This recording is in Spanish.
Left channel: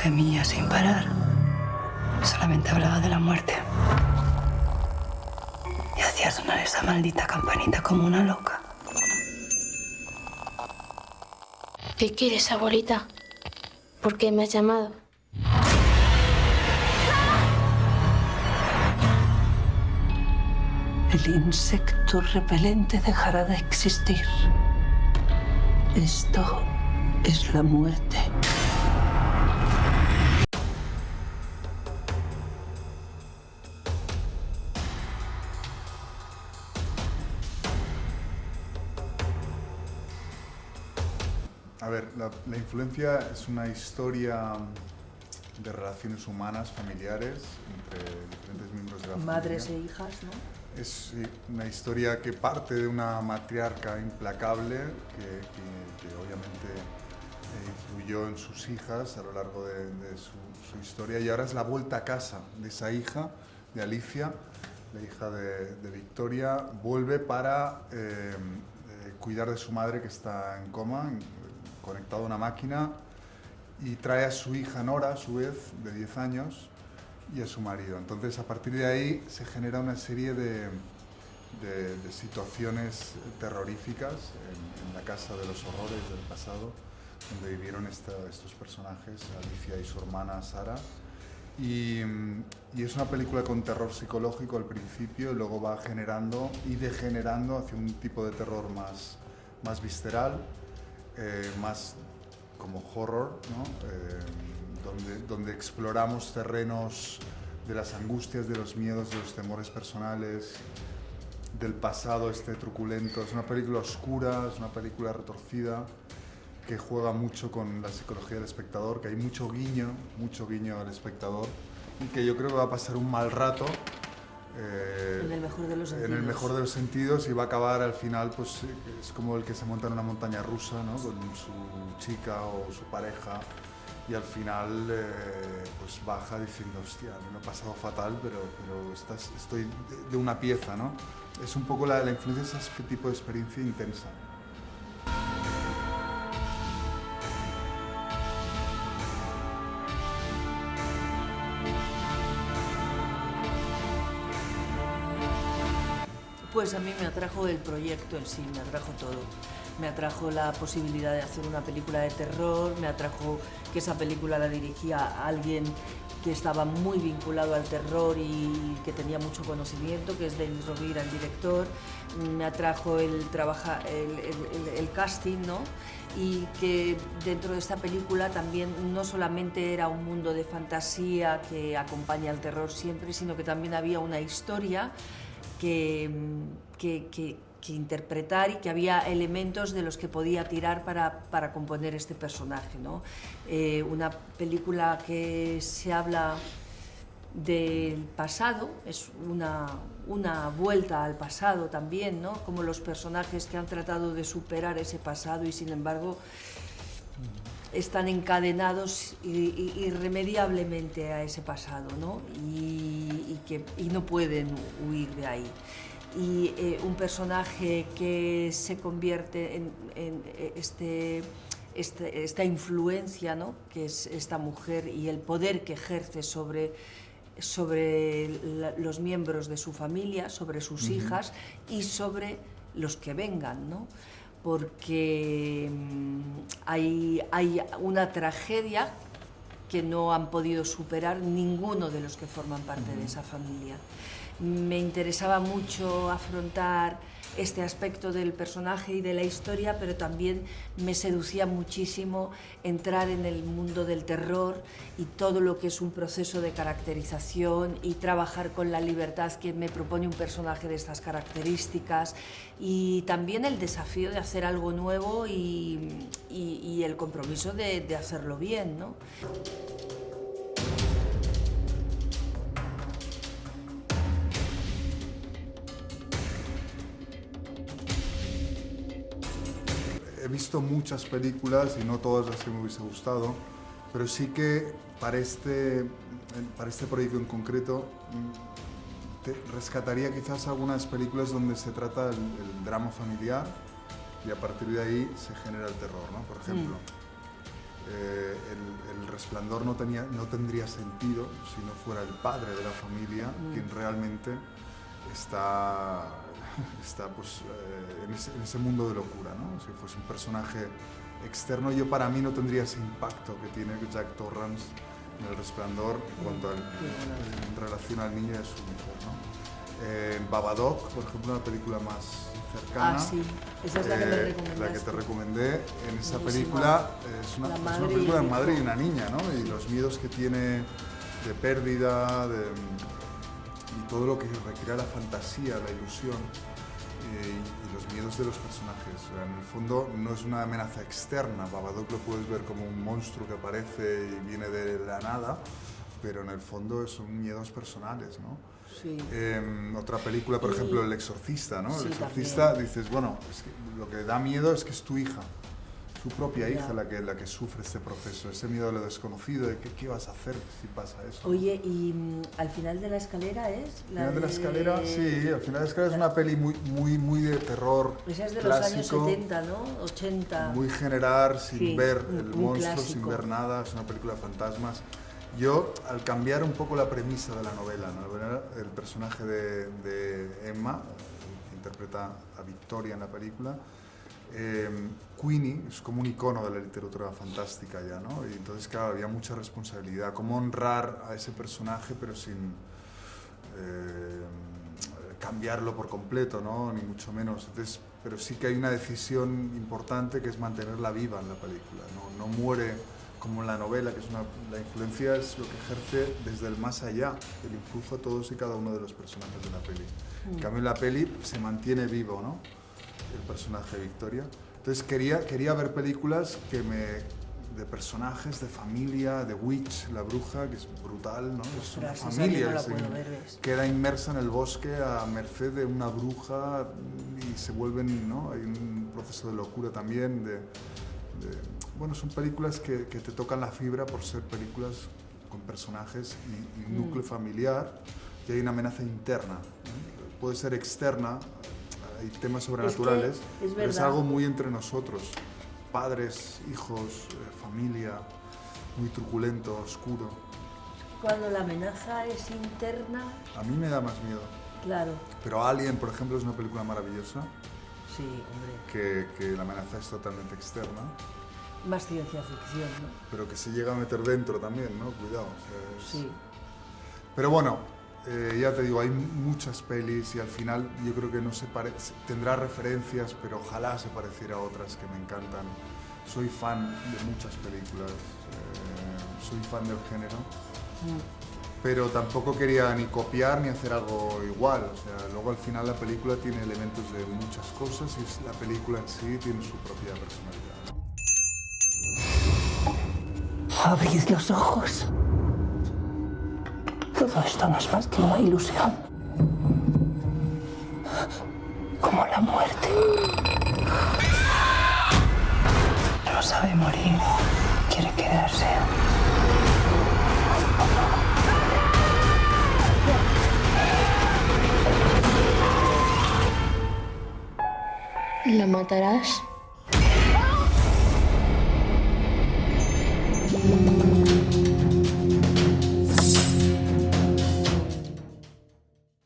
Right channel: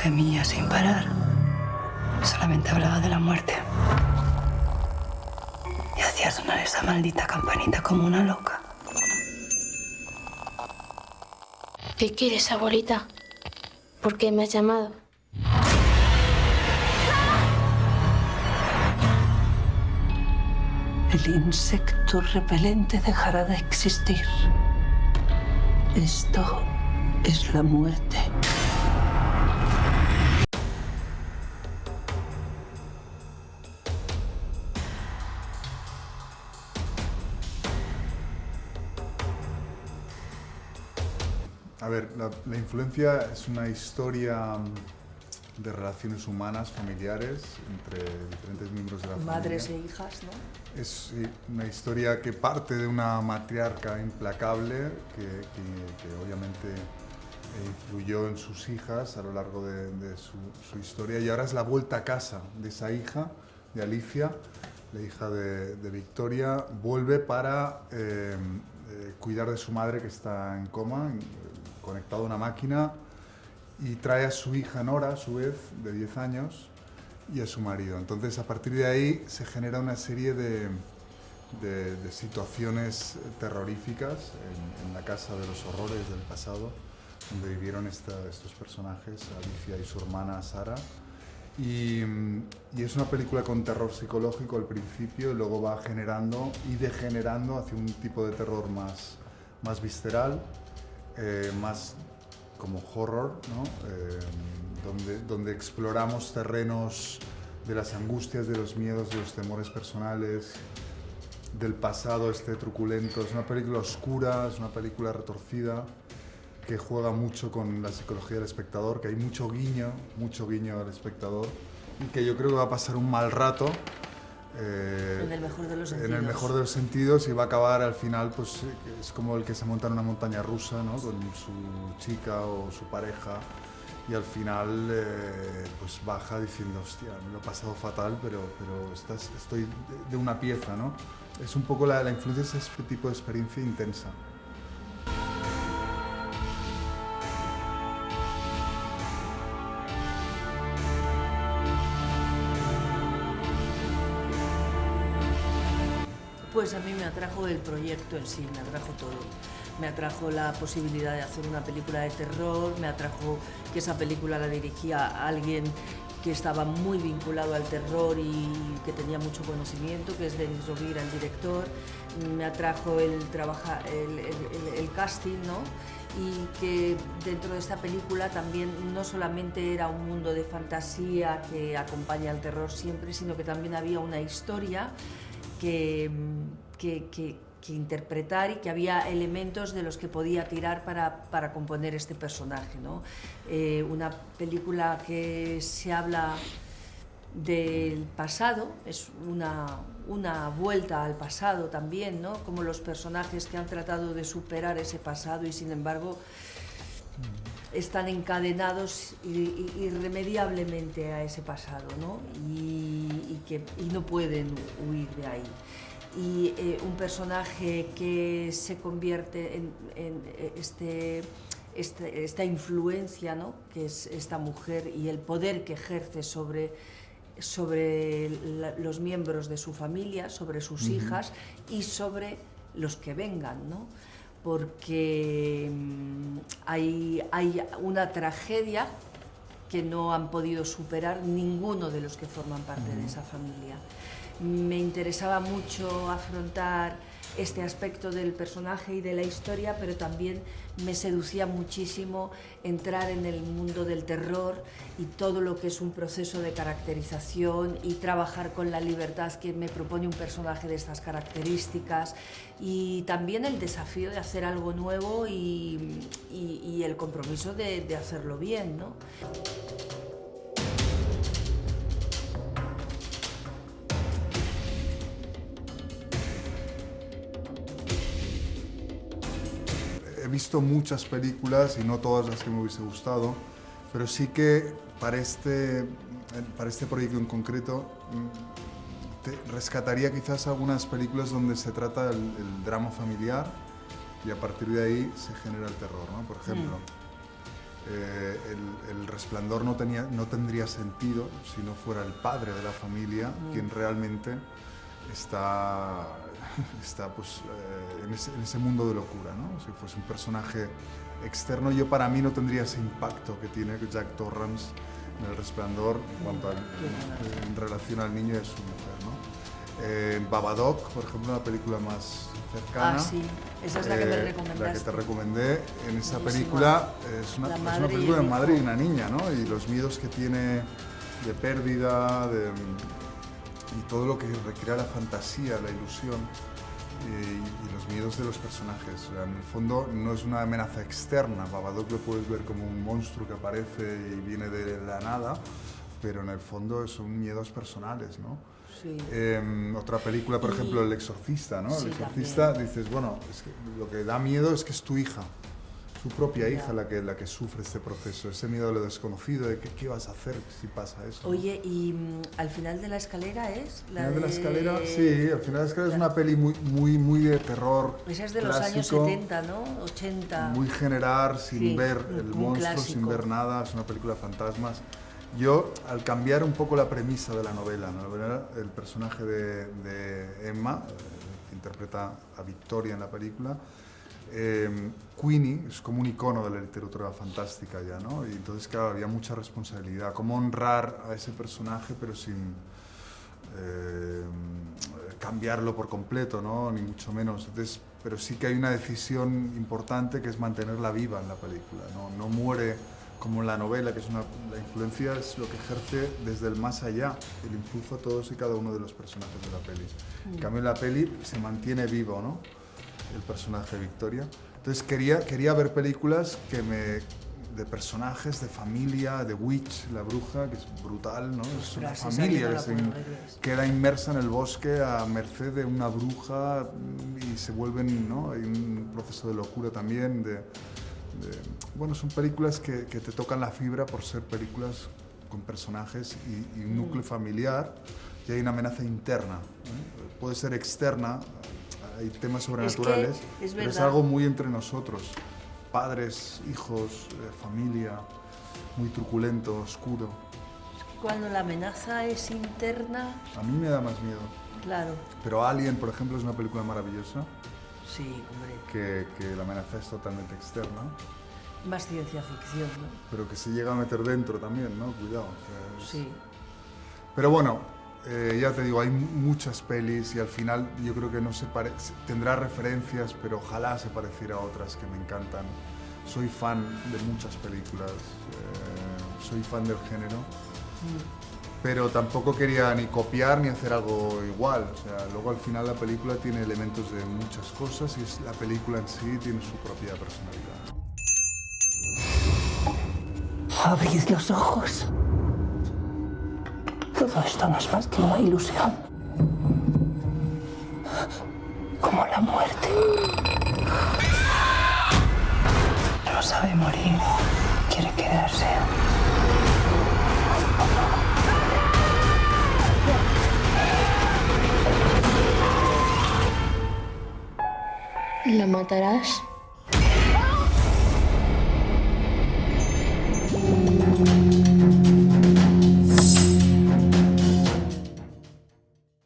gemía sin parar. Solamente hablaba de la muerte. Y hacía sonar esa maldita campanita como una loca. ¿Qué quieres, abuelita? ¿Por qué me has llamado? El insecto repelente dejará de existir. Esto es la muerte. A ver, la influencia es una historia de relaciones humanas, familiares, entre diferentes miembros de la familia. Madres e hijas, ¿no? Es una historia que parte de una matriarca implacable que obviamente influyó en sus hijas a lo largo de su historia, y ahora es la vuelta a casa de esa hija, de Alicia, la hija de Victoria. Vuelve para cuidar de su madre, que está en coma, conectado a una máquina, y trae a su hija Nora, a su vez, de 10 años, y a su marido. Entonces, a partir de ahí se genera una serie de situaciones terroríficas en la casa de los horrores del pasado, donde vivieron estos personajes, Alicia y su hermana Sara. Y es una película con terror psicológico al principio, y luego va generando y degenerando hacia un tipo de terror más visceral, más como horror, ¿no? Donde exploramos terrenos de las angustias, de los miedos, de los temores personales, del pasado truculento. Es una película oscura, es una película retorcida, que juega mucho con la psicología del espectador, que hay mucho guiño al espectador, y que yo creo que va a pasar un mal rato. En el mejor de los sentidos. En el mejor de los sentidos, y va a acabar al final, pues es como el que se monta en una montaña rusa, ¿no? Con su chica o su pareja, y al final pues baja diciendo, hostia, me lo he pasado fatal, pero estoy de una pieza, ¿no? Es un poco la influencia de ese tipo de experiencia intensa. Pues a mí me atrajo el proyecto en sí, me atrajo todo. Me atrajo la posibilidad de hacer una película de terror, me atrajo que esa película la dirigía alguien que estaba muy vinculado al terror y que tenía mucho conocimiento, que es Denis Rovira, el director. Me atrajo el casting, ¿no? Y que dentro de esta película también no solamente era un mundo de fantasía que acompaña al terror siempre, sino que también había una historia que interpretar, y que había elementos de los que podía tirar para componer este personaje, ¿no? Una película que se habla del pasado, es una vuelta al pasado también, ¿no? Como los personajes que han tratado de superar ese pasado y sin embargo están encadenados irremediablemente a ese pasado, ¿no? Y no pueden huir de ahí. Y un personaje que se convierte en esta influencia, ¿no? Que es esta mujer, y el poder que ejerce sobre los miembros de su familia, sobre sus hijas y sobre los que vengan, ¿no? Porque hay una tragedia que no han podido superar ninguno de los que forman parte de esa familia. Me interesaba mucho afrontar este aspecto del personaje y de la historia, pero también me seducía muchísimo entrar en el mundo del terror y todo lo que es un proceso de caracterización y trabajar con la libertad que me propone un personaje de estas características, y también el desafío de hacer algo nuevo y el compromiso de hacerlo bien, ¿no? He visto muchas películas y no todas las que me hubiese gustado, pero sí que para este proyecto en concreto rescataría quizás algunas películas donde se trata el drama familiar, y a partir de ahí se genera el terror, ¿no? Por ejemplo, El Resplandor no tendría sentido si no fuera el padre de la familia quien realmente está pues, en ese mundo de locura, ¿no? Si fuese un personaje externo, para mí no tendría ese impacto que tiene Jack Torrance en El Resplandor en relación al niño y a su mujer, ¿no? Babadook, por ejemplo, una película más cercana. Sí, esa es la que me recomendaste. La que te recomendé. En esa película es una película de madre y una niña, ¿no? Y los miedos que tiene de pérdida, y todo lo que recrea la fantasía, la ilusión y los miedos de los personajes. O sea, en el fondo no es una amenaza externa. Babadook lo puedes ver como un monstruo que aparece y viene de la nada, pero en el fondo son miedos personales, ¿no? Sí. Otra película, por ejemplo, El Exorcista, ¿no? Sí, El Exorcista, también. dices, bueno, lo que da miedo es que es tu hija, su propia hija la que sufre este proceso, ese miedo a lo desconocido, de qué vas a hacer si pasa eso. Oye, y al final de la escalera es la final de la escalera, sí, al final de la escalera es una peli muy de terror. Esa es de clásico, los años 70, ¿no? 80. Muy general, sin ver el monstruo, clásico. sin ver nada, es una película de fantasmas. Yo, al cambiar un poco la premisa de la novela, el personaje de Emma, que interpreta a Victoria en la película, Queenie es como un icono de la literatura fantástica ya, ¿no? Y entonces, claro, había mucha responsabilidad. Cómo honrar a ese personaje, pero sin cambiarlo por completo, ¿no? Ni mucho menos. Entonces, pero sí que hay una decisión importante que es mantenerla viva en la película. No muere como en la novela, que es la influencia es lo que ejerce desde el más allá, el influjo a todos y cada uno de los personajes de la peli. En cambio, en la peli se mantiene vivo, ¿no? El personaje de Victoria. Entonces quería ver películas de personajes, de familia, de Witch, la bruja, que es brutal, ¿no? Es una familia queda inmersa en el bosque a merced de una bruja y se vuelven, ¿no? Hay un proceso de locura también, bueno, son películas que te tocan la fibra por ser películas con personajes y un núcleo familiar, y hay una amenaza interna, ¿no? Puede ser externa, hay temas sobrenaturales, pero es algo muy entre nosotros, padres, hijos, familia, muy truculento, oscuro. Cuando la amenaza es interna... A mí me da más miedo. Claro. Pero Alien, por ejemplo, es una película maravillosa. Sí, hombre. Que la amenaza es totalmente externa. Más ciencia ficción, ¿no? Pero que se llega a meter dentro también, ¿no? Cuidado. O sea, Sí. Pero bueno, ya te digo, hay muchas pelis y al final yo creo que no tendrá referencias, pero ojalá se pareciera a otras que me encantan. Soy fan de muchas películas, soy fan del género, pero tampoco quería ni copiar ni hacer algo igual. O sea, luego al final la película tiene elementos de muchas cosas y la película en sí tiene su propia personalidad. Abrid los ojos. Todo esto no es más que una ilusión. Como la muerte. No sabe morir. Quiere quedarse. ¿La matarás?